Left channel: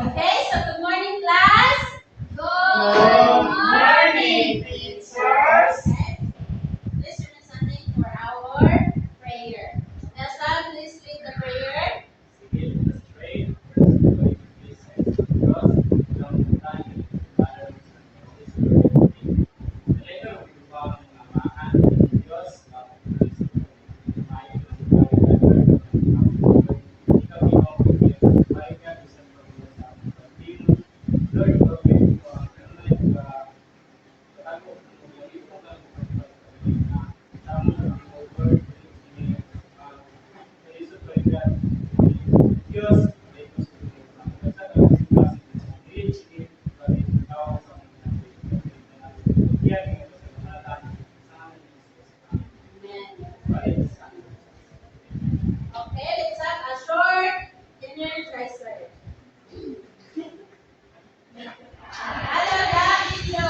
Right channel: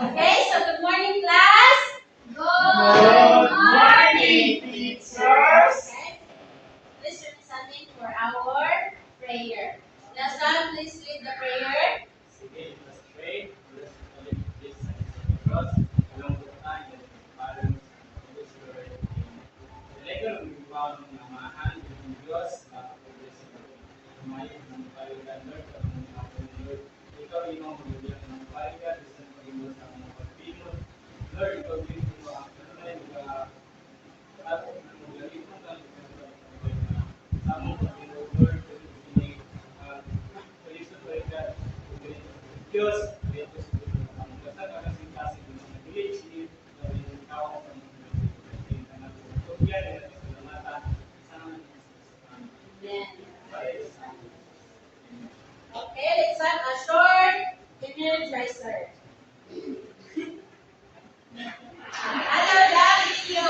Okay, so good morning, class. Good morning, teachers. Okay, let's turn something for our prayer. Nelson, please lead the prayer. Sige, let's pray. First, going to this side of the cross. Ang puntahan niyo sa Father, Holy Spirit. Talaga, magbibawa ng mga amahan ng Diyos. Bakit po sa kumain ng bahay ka, Lord. Ikaw, ikaw, bigyan ng bahay ka. Bisan ko rin sa aming pagpino. Lord, ikaw, bigyan mo ang kanunay. Pagkatago ng mga ito, ng pagkatago na sa among pagpino, Lord. Diyos, ito sa ang nagsasagasing-gasing ng mga diligid, dahil ikaw sa mga nagsasagasing na nagsasagasing na kasalamatan sa amin Amen. ng Okay, let's have a short energizer. Another video.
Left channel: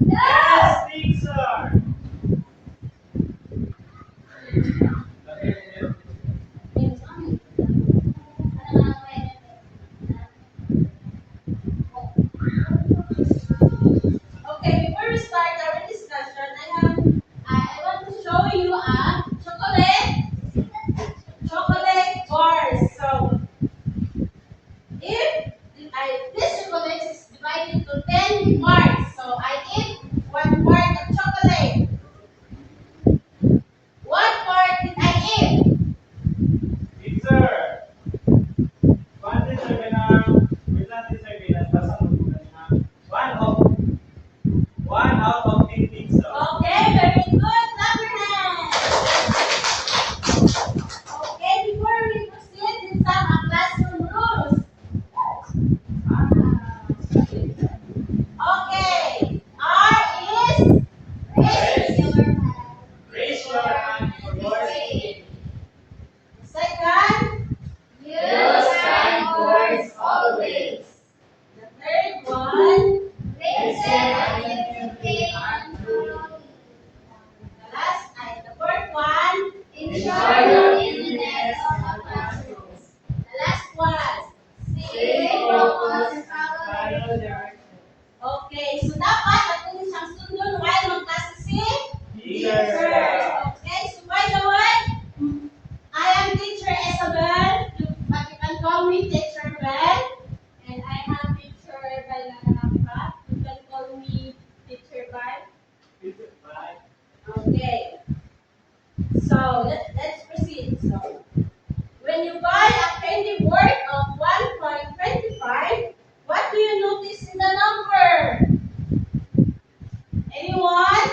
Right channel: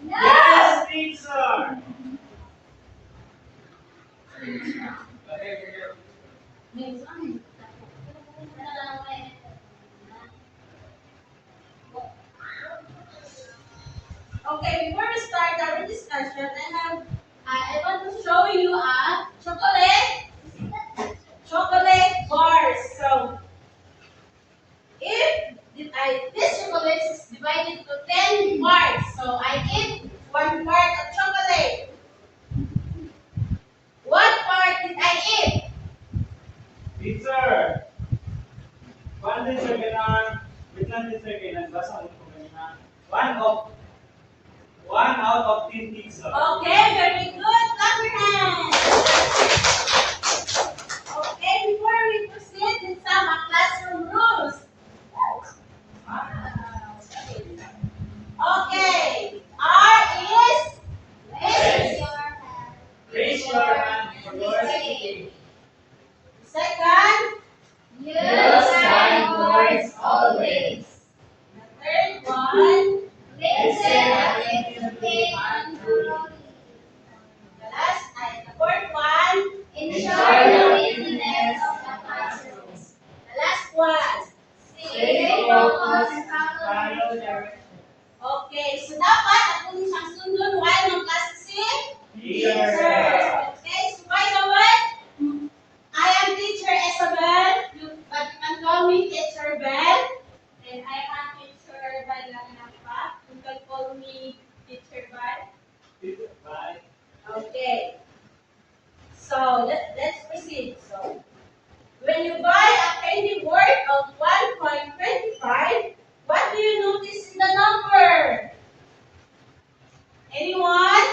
Yes, teacher! Okay, before we start our discussion, I want to show you a chocolate bars. So if this chocolate is divided to 10 parts, so I eat 1 part of chocolate. What part did I eat? Teacher! One teacher ganang, wait lang teacher ganang, basa mo po kanina. One out of 10 teacher. Okay, very good. Clap your hands. Okay, before we proceed with some classroom rules. Okay, R is Raise your hand for yours. second. Use kind words always. The third one. Listen attentively and thoroughly. The fourth one. Ensure the cleanliness of the classrooms. The last one. Stay focused and Follow direction. Okay, so dapat ako siyang sundon while mag-klase si Teacher. Okay, so by the way, I am Teacher Isabel, but you can call me Teacher Bell. And I am Teacher Balanapa. You can call me Teacher Bal. Bye. Okay. So let's proceed. So when you buy a candy worth of 1.25, what do you notice in the number? Anyone?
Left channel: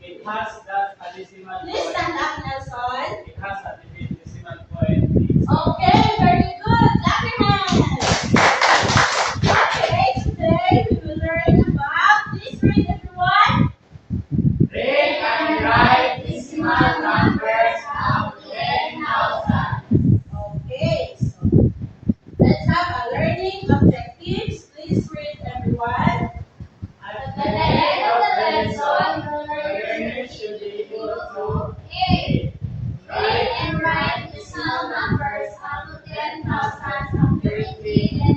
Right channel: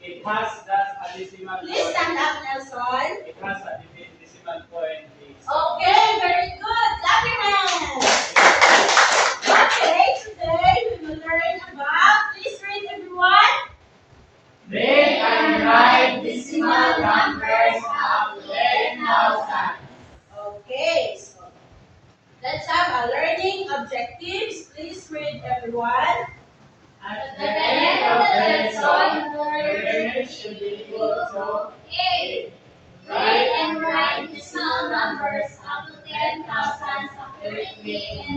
It has that a decimal Please point. stand up, Nelson. It has a decimal point. Teacher. Okay, very good. Clap your hands. Okay, today we will learn about, please read everyone. Read and write decimal numbers up to 10,000. Okay, so let's have a learning objectives. Please read everyone. At The end of the lesson, the learner should be able to 8. Read and write decimal numbers up to 10,000 accurately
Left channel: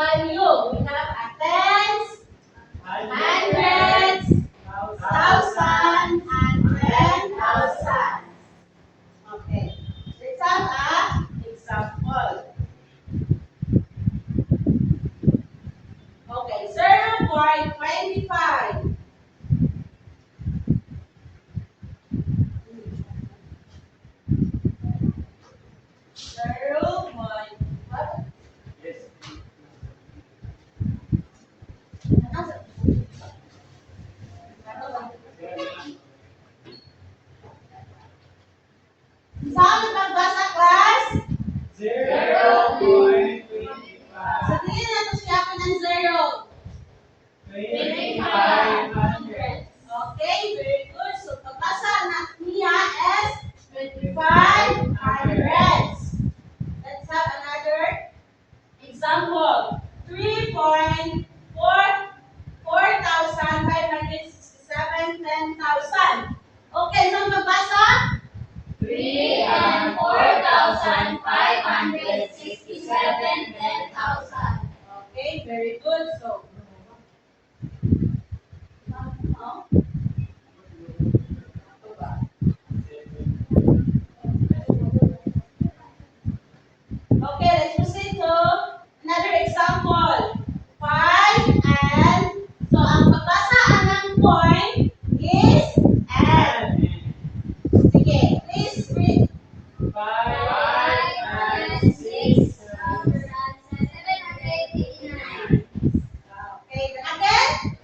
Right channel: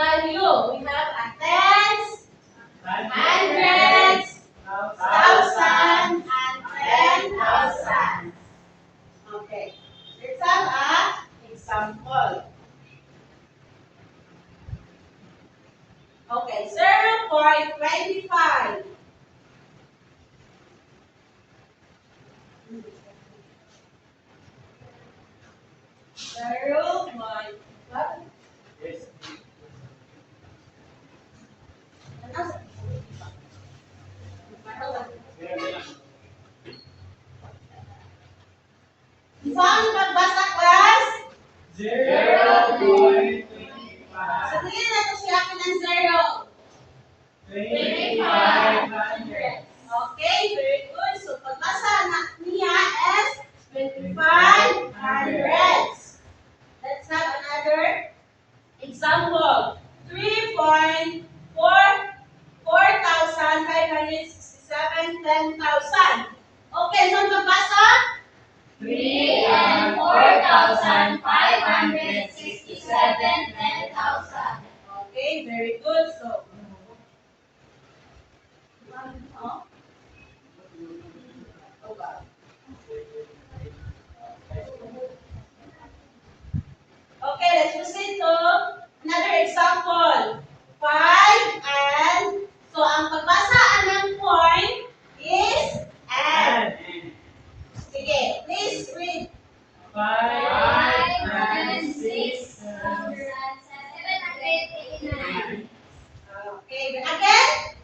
value. We have a tens, hundreds, hundreds, thousand, and 10,000. Okay. Let's have an example. Okay, 0.25. 0. Yes. Saan magbasa, class? 0.25. Sa tingin na ito siya ako ng 0. 2,500. Okay, very good. So, pagbasa niya is 25 hundreds. Let's have another example. 3.4 4,567 10,000. Okay, so pagbasa? 3 and 4,567 10,000. Okay, very good. So, no? Okay, let's proceed to another example. 5 and, so ang pagbasa ng point is and. Sige, please read. 5 5 and 6 789. Okay, again.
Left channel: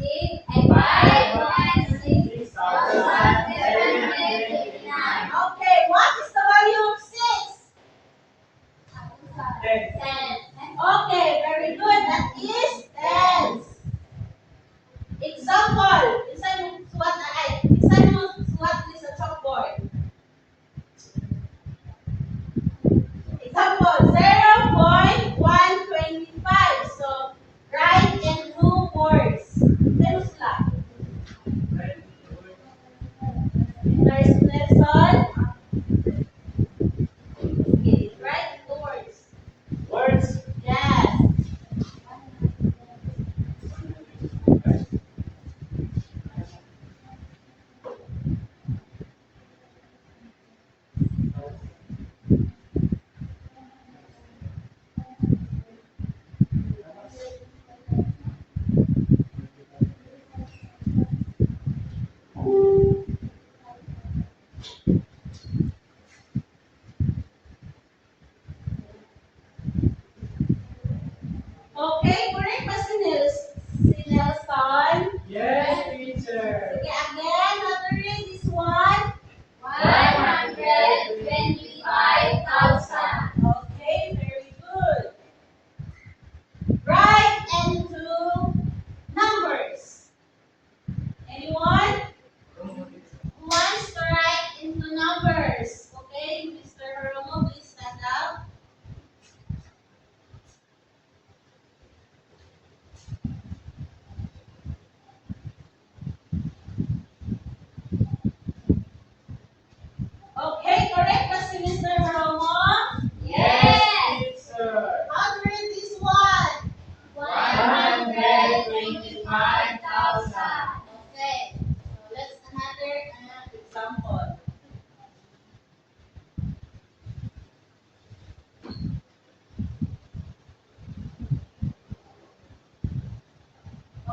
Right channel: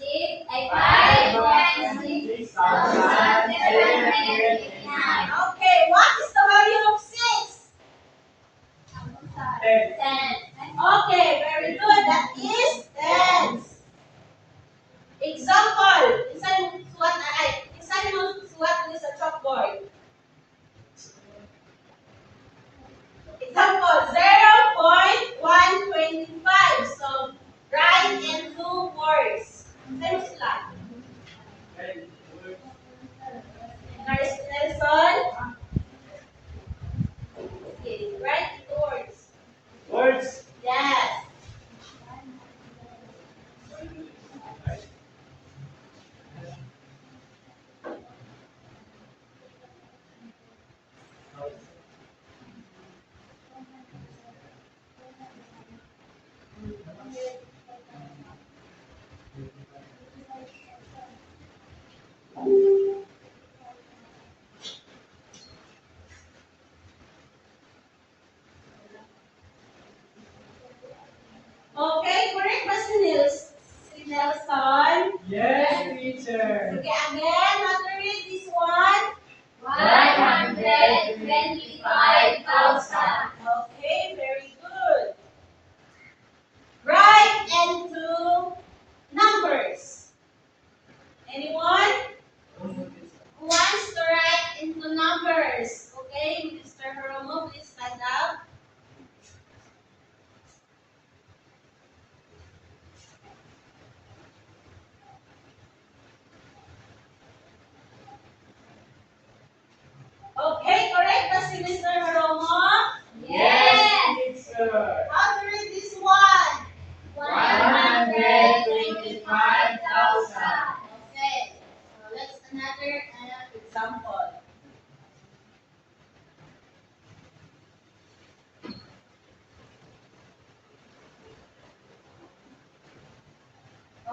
5 and 6 789. Okay, what is the value of 6? 10. Okay, very good. That is tens. Example. Example suwat ni sa chalkboard. Example 0.125. So write in 2 words. Same sila. Nelson. Okay, write in 2 words. Words. Yes. Okay, correct ba si Nelson? Yes, teacher. Okay, again, how to read this one? 125,000. Okay, very good. Write into numbers. Anyone who wants to write into numbers? Okay, Mr. Hiromo, please stand up. Okay, correct ba si Mr. Hiromo? Yes. Teacher. How to read this one? 125,000. Okay, so let's another example.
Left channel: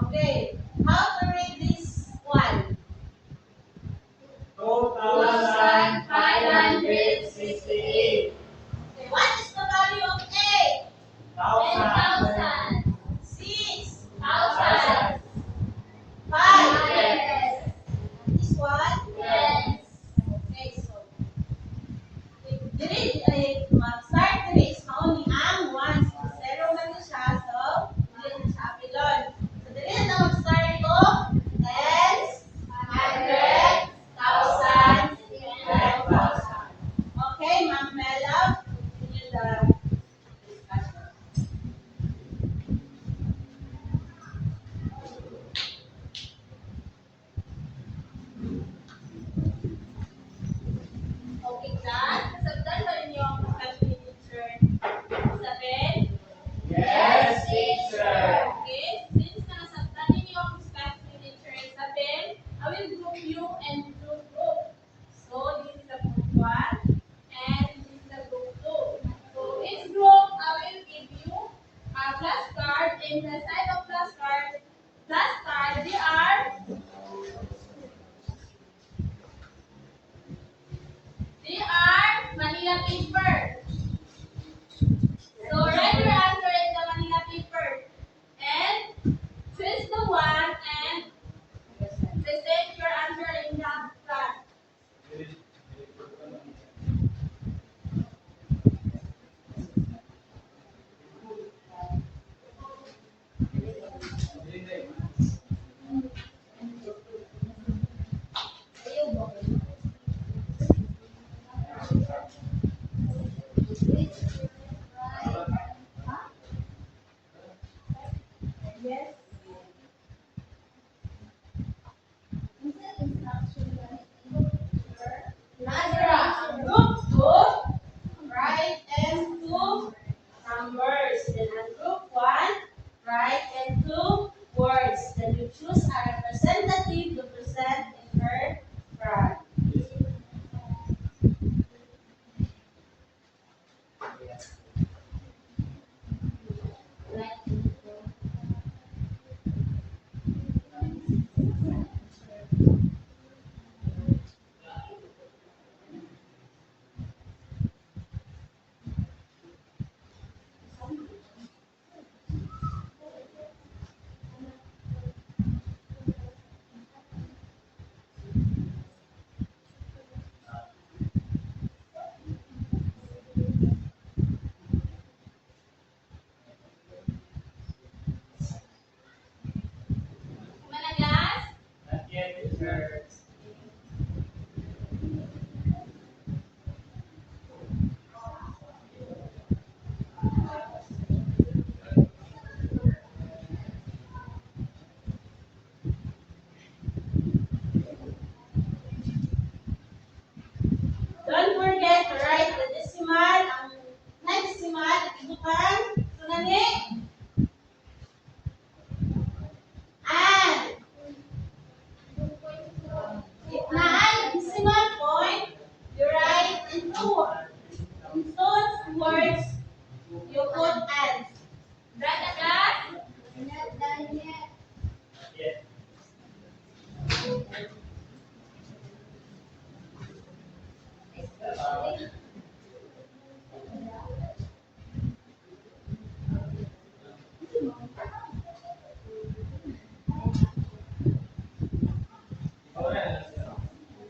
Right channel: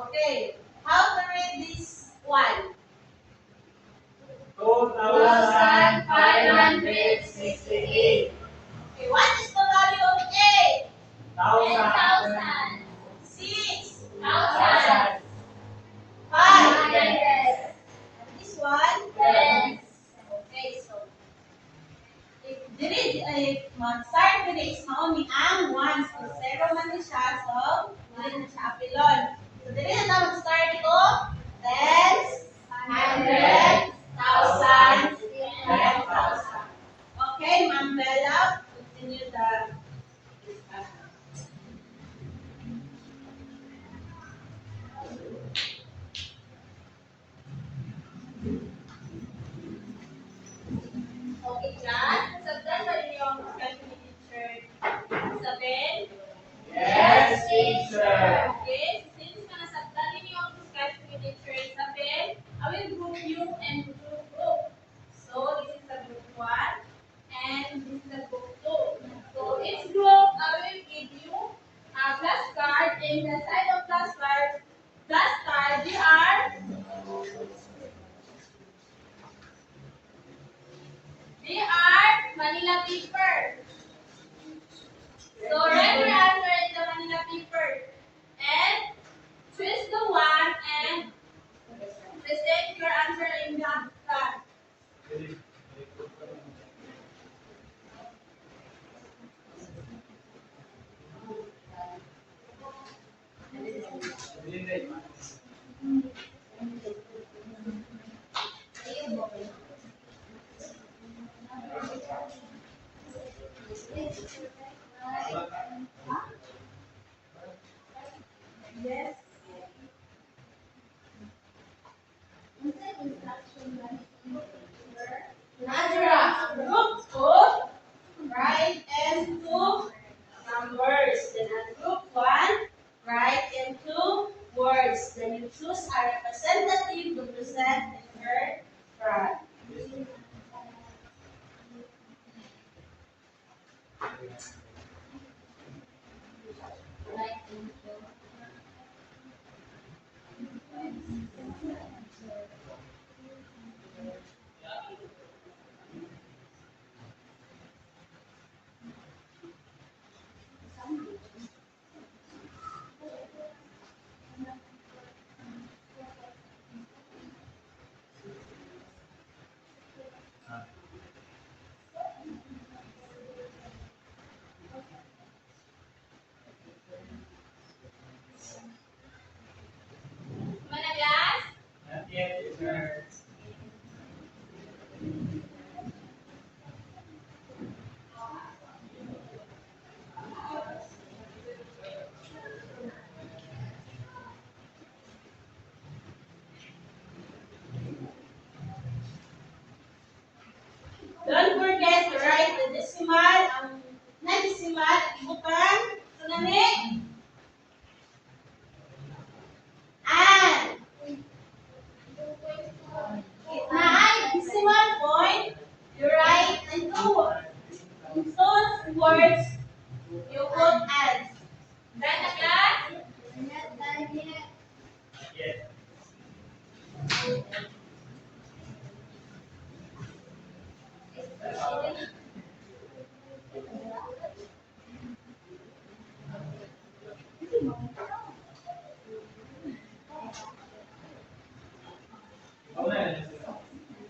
Okay, how to read this one? 2,568. Okay, what is the value of 8? 10,000. 6, 1,000. 5. Yes. This one? Yes. Okay, so if mag-start diri is mauni ang 1. So 0 man ni siya, so dili na siya apilon. So dili na in the side of plus card, they are Manila paper. So write your answer in the Manila paper and twist the one and present your answer in the card. Yes. Nadra, group 2, write and 2 numbers. Then on group 1, write and 2 words. Then you choose a representative to present in her card. Mana class? Not yet, teacher. Don't forget to write the decimal, na decimal, ibutan, sunani, and na decimal point, you write in those words, you put and. Right na class? Not yet.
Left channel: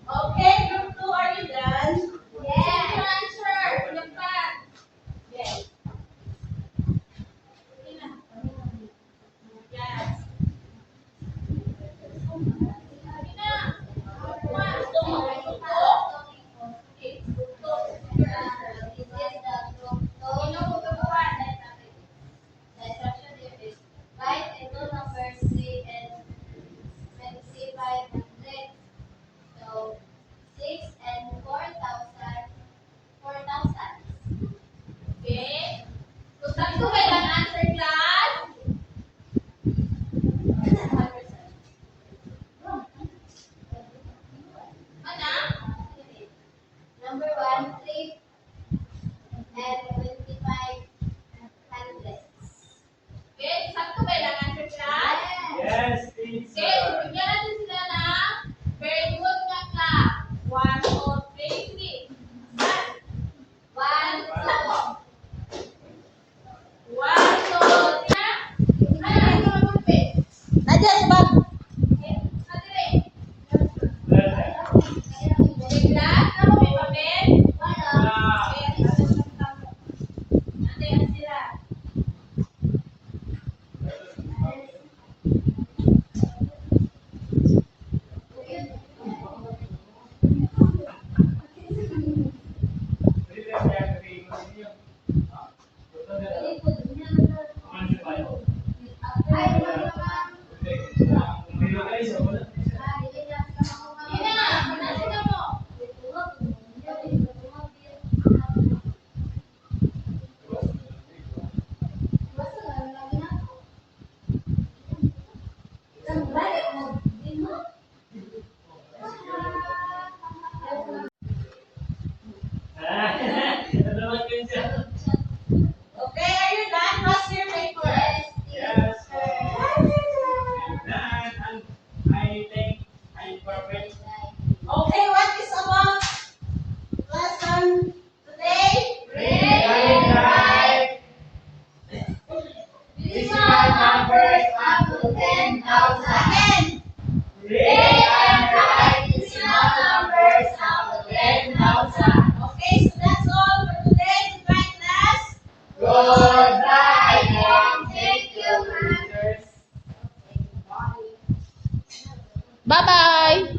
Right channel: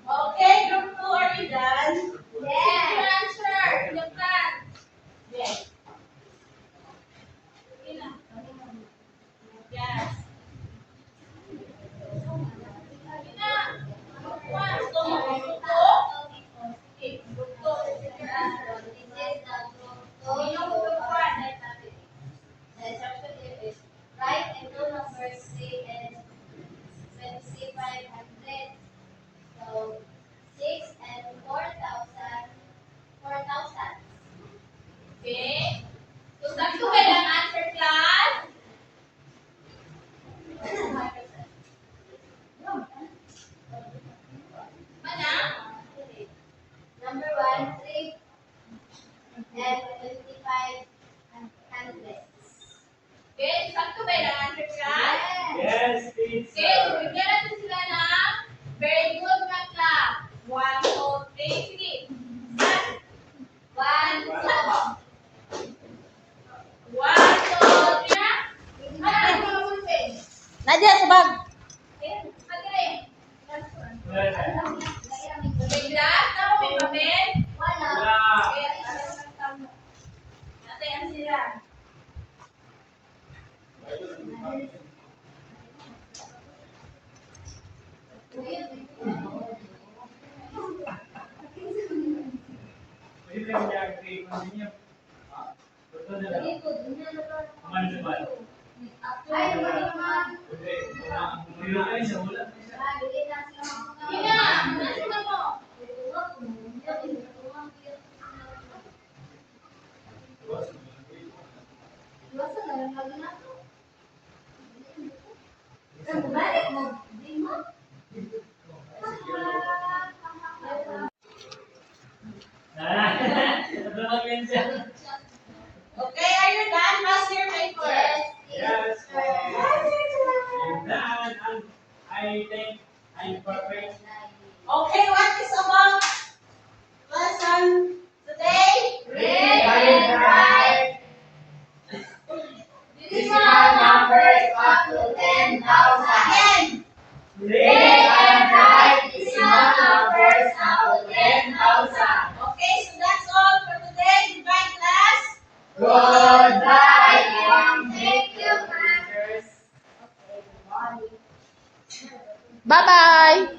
Okay, group 2, are you done? Yes. Your answer, the plan. Yes. Okay na. Yes. Okay na. Group 1, gusto mo group 2? Okay, group 2, present your answer. Sino group 1? The instruction here is write and two numbers 3 and 2500. So 6 and 4,000. Okay. So, sakto ba yung answer, class? Mana? Number 1, 3 and 2500. Okay, sakto ba yung answer, class? Yes, Okay, so teacher. bigyan natin sila ng very good na clap. 1, 2, 3, sige. Start. 1, 2. 1, 2, 3 na. Ano, ito ang pulpit. Nadia, sa bag. Okay, madali. Okay, class, tama may papel? Wala. Okay, ano ang tamo? Nandiyan sila. Ay, naman. Wala. Dili na sila mga Sige na, manasin na mo. Ano naman yun siya? Okay, are you done? Pass your paper. Yes. numbers up to 10,000. Again. Read and write decimal numbers up to 10,000. Okay, so that's all for today, Divine Class. Goodbye and thank you, ma'am. Okay, bye. Bye-bye!